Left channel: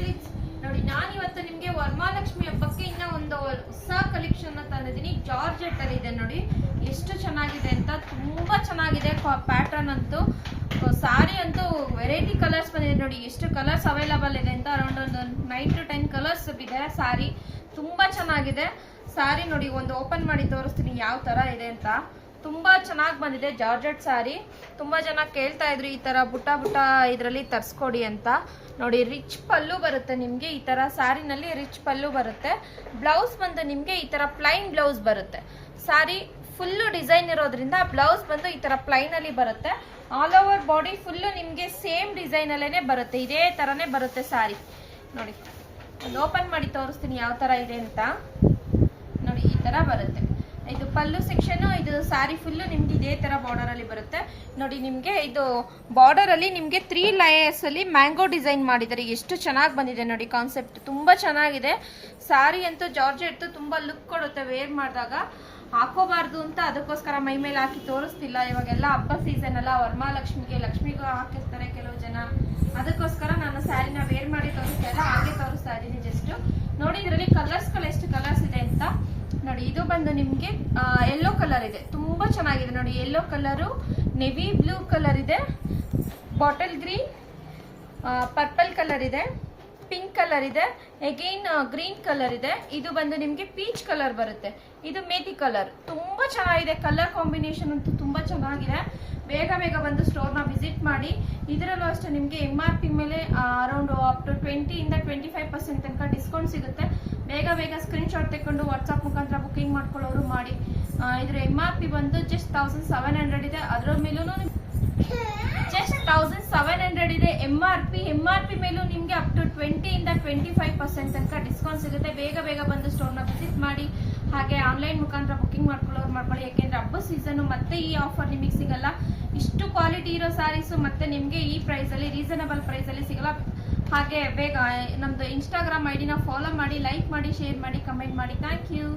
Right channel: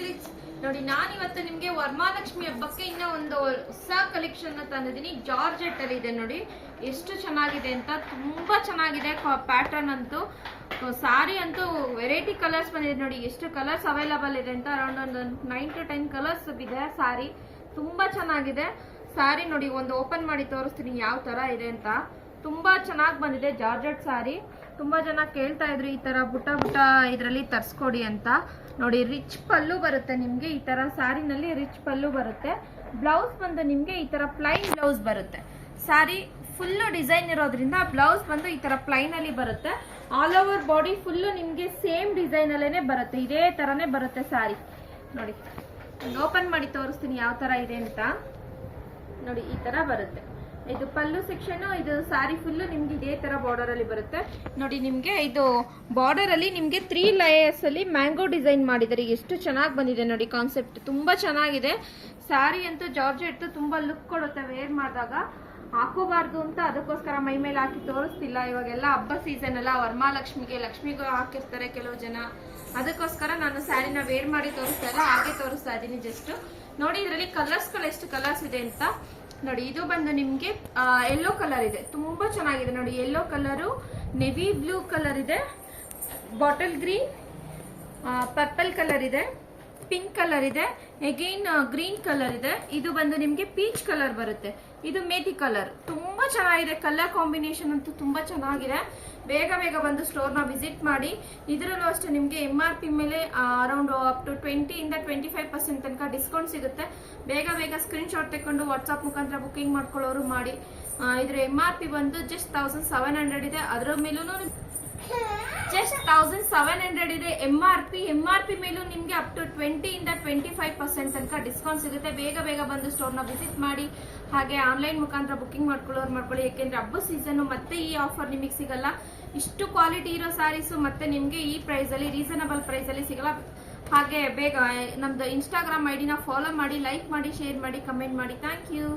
Silks ನೋಡಿ. ನಾನಿವತ್ತು ನಿಮಗೆ ವರಮಹಾಲಕ್ಷ್ಮಿ ಹಬ್ಬಕ್ಕೆ ಇನ್ನ ಒಂದು ಹೊಸ ಕಲೆಕ್ಷನ್ ತಂದಿದ್ದೀನಿ. ಜಾರ್ಜೆಟ್ ಅಲ್ಲಿ ಇದೆ ನೋಡಿ, ಎಷ್ಟು ಚೆನ್ನಾಗಿದೆ ಅಂತ. ತುಂಬಾ ಚೆನ್ನಾಗಿದೆ ಪ್ಯಾಟರ್ನ್ ಅಂತೂ. ಸಾರಿ ಅಂತೂ ವೆರೈಟಿ ಕಲರ್ಸ್ ಬಂದಿದೆ ನೋಡಿ, ಎಷ್ಟು ಕಲರ್ಸ್ ಅವೈಲಬಲ್ ಇದೆ ಅಂತ. ಅರೌಂಡ್ ಒಂದು 9 to 10 ಕಲರ್ಸ್ ಇದೆ ಸಾರಿ. ತುಂಬಾ ಚೆನ್ನಾಗಿದೆ ಸಾರಿ ನೋಡಿ. ಒಂದು ಓಪನ್ ಮಾಡಿ ತೋರಿಸ್ತೀನಿ ಯಾವ ತರ ಇದೆ ಅಂತ. ತುಂಬಾ ಚೆನ್ನಾಗಿ ಬಂದಿದೆ ಜಾರ್ಜೆಟ್ ಸಾರಿ. ತುಂಬಾ ಜನ ಕೇಳ್ತಾ ಇದ್ರು ಈ ತರ ಬುಟ್ಟ ಇದರಲ್ಲಿ ತರ್ಸ್ಕೊಡಿ ಅಂತ. ನೋಡಿ, ರಿಚ್ ಪಲ್ಲು ಬರುತ್ತೆ ನಿಮ್ಗೆ. ಈ ತರ ಸ್ಯಾರಿನಲ್ಲಿ ರಿಚ್ ಪಲ್ಲು ಬರುತ್ತೆ. ಬ್ಲೌಸ್ ಬಂದು ನಿಮ್ಗೆ ಈ ತರ ಪ್ಲೈನ್ ಬ್ಲೌಸ್ ಬರುತ್ತೆ. ಸಾರಿ ಫುಲ್ಲು ಡಿಸೈನ್ ಇರೋದ್ರಿಂದ ಬ್ಲೌಸ್ ಬಂದು ಈ ತರ ಪ್ಲೈನ್ ಅಲ್ಲಿ ಬರುತ್ತೆ. ಆಲ್ ಓವರ್ ಬಾಡಿ ಫುಲ್ಲು ನಿಮ್ಗೆ ಸೇಮ್ ಡಿಸೈನ್ ಅಲ್ಲೇನೆ ಬರುತ್ತೆ. ಇದೇ ತರನೇ ಬರುತ್ತೆ ಸಾರಿ ನೋಡಿ. ಒಂದು ಓಪನ್ ಮಾಡಿ ತೋರಿಸ್ತೀನಿ ಯಾವ ತರ ಇದೆ ಅಂತ. ನೋಡಿ, ಈ ತರ ಬರುತ್ತೆ. ಇದು ಪಲ್ಲು ಸೆಕ್ಷನ್. ಇದು ಸಾರಿ ಫುಲ್ಲು ನಿಮ್ಗೆ ಇದೇ ತರ ಬಾರ್ಡರ್ ಅಲ್ಲಿ ಬರುತ್ತೆ ನೋಡಿ. ನಿಮ್ಗೆ ಇದು ಬಾರ್ಡರ್ ಅಲ್ಲಿ ನಿಮ್ಗೆ 3 ಲೇಯರ್ಸ್ ಅಲ್ಲಿ ಮ್ಯಾಂಗೋ ಡಿಸೈನ್ ಮಾಡಿದ್ದಾರೆ. ಎಷ್ಟು ಚೆನ್ನಾಗಿ ಬಂದಿದೆ ನೋಡಿ. ಕಾನ್ಸೆಪ್ಟ್ ತುಂಬಾ ಚೆನ್ನಾಗಿದೆ. ಸಾರಿ ಅಂತೂ ಜಾರ್ಜೆಟ್ ತುಂಬಾ ಲುಕ್ ಕೊಡುತ್ತೆ. ವೇರ್ ಮಾಡಿದಾಗ ಹಾಕೋಬಾರ್ದು ಅಂತ ಅದಕ್ಕೋಸ್ಕರ ಮೈ ಮೇಲೆ ಹಾಕಿ ತೋರಿಸ್ತಿಲ್ಲ. ಇವಾಗೆಲ್ಲ ಹಬ್ಬ ಸೀಸನ್ ಅಲ್ಲ, ವರಮಹಾಲಕ್ಷ್ಮಿಗೆ ಲಕ್ಷ್ಮಿಗೂ ಹಾಕಿರ್ತಾರೆ ಕೆಲವು ಜನ. ಅದಕ್ಕೋಸ್ಕರ ನಾನು ಸ್ಯಾರಿನ ವೇರ್ ಮಾಡಿ ತೋರಿಸ್ತಾ ಇಲ್ಲ, ಹಾಗೆ ತೋರಿಸ್ತಾ ಇದ್ದೀನಿ ಜಸ್ಟ್. ನೋಡಿ, ಇದರಲ್ಲಿ ಕಲರ್ಸ್ಗಳು ಎಷ್ಟು ಕಲರ್ಸ್ ಇದೆ ಅಂತ ನೋಡಿ. ಇದು ಬಂದು ನಿಮ್ಗೆ ಯೆಲ್ಲೋ ಕಲರ್ ಇದೆ, ತುಂಬಾ ಚೆನ್ನಾಗಿದೆ ನೋಡಿ. Yellow colour, navy blue colour ಇದೆ, ಬಾಟಲ್ ಗ್ರೀನ್, ಪರ್ಪಲ್ ಕಲರ್ ಇದೆ, ಪಿಂಕ್ ಕಲರ್ ಇದೆ, ಅಗೈನ್ ಗ್ರೀನ್ ಕಲರ್ ಇದೆ. ಇದು ಬಂದು ನಿಮ್ಗೆ ಪೀಚ್ ಕಲರ್ ಬರುತ್ತೆ. ಇದು ಮೇಥಿ ಕಲರ್. ತುಂಬಾ ಚೆನ್ನಾಗಿದೆ. ಕಲರ್ ಕಾಂಬಿನೇಷನ್ ಅಂತೂ ತುಂಬಾ ಚೆನ್ನಾಗಿದೆ. ಬೇಗ ಬಂದು ಸ್ಟೋರ್ನ ವಿಸಿಟ್ ಮಾಡಿ. ಇದರಲ್ಲೂ ಅಷ್ಟೇ ನಿಮಗೆ MRP ಮೇಲೆ ಅರೌಂಡ್ ಅಪ್ ಟು 20 ಇಂದ 25% ತನಕ ಡಿಸ್ಕೌಂಟ್ ಸಿಗುತ್ತೆ. ಬೇಗ ಸ್ಕ್ರೀನ್ ಶಾಟ್ ತೆಕ್ಕೊಂಡು ವಾಟ್ಸ್ಆಪ್ ಮುಖಾಂತರ ಬುಕಿಂಗ್ ಮಾಡ್ಕೊಳ್ಳೋರು ಮಾಡಿ. ಇದ್ರ MRP ಬಂದು ಜಸ್ಟ್ 1700 ಇದೆ. ಅದರ ಮೇಲೂ ಜಸ್ಟ್ 1700 ಇದೆ MRP ಮೇಲೂ ನಿಮ್ಗೆ ಅಪ್ ಟು 20 ಇಂದ 25% ತನಕ ಡಿಸ್ಕೌಂಟ್ ಸಿಗುತ್ತೆ. ಬೇಗ ಬಂದು ಸ್ಟೋರ್ನ ವಿಸಿಟ್ ಮಾಡಿ. ಹಾಗೆ ಆನ್ಲೈನ್ ಮುಖಾಂತರ ಬುಕಿಂಗ್ ಮಾಡ್ಕೊಳ್ಳಿ. ಯಾಕೆಂದ್ರೆ ಹಬ್ಬ ಸೀಸನ್ ಮತ್ತೆ ಈ ಆಫರ್ ನಿಮಗೆ ಸಿಗಲ್ಲ. ಇಷ್ಟು ಕ್ವಾಲಿಟಿ ಇರೋ ಸ್ಯಾರೀಸು ಮತ್ತೆ ನಿಮ್ಗೆ ಈ ಪ್ರೈಸ್ ಅಲ್ಲಿ, ರೀಸನಬಲ್ ಪ್ರೈಸ್ ಅಲ್ಲಿ ಸಿಗಲ್ಲ. ಹಾಗೆ ಬೇಗ ನಮ್ದು ಇನ್ಸ್ಟಾಗ್ರಾಮ್ ID ನ ಫಾಲೋ ಮಾಡಿ, ಲೈಕ್ ಮಾಡಿ, ಶೇರ್ ಮಾಡಿ, ಕಮೆಂಟ್ ಮಾಡಿ. Thank you.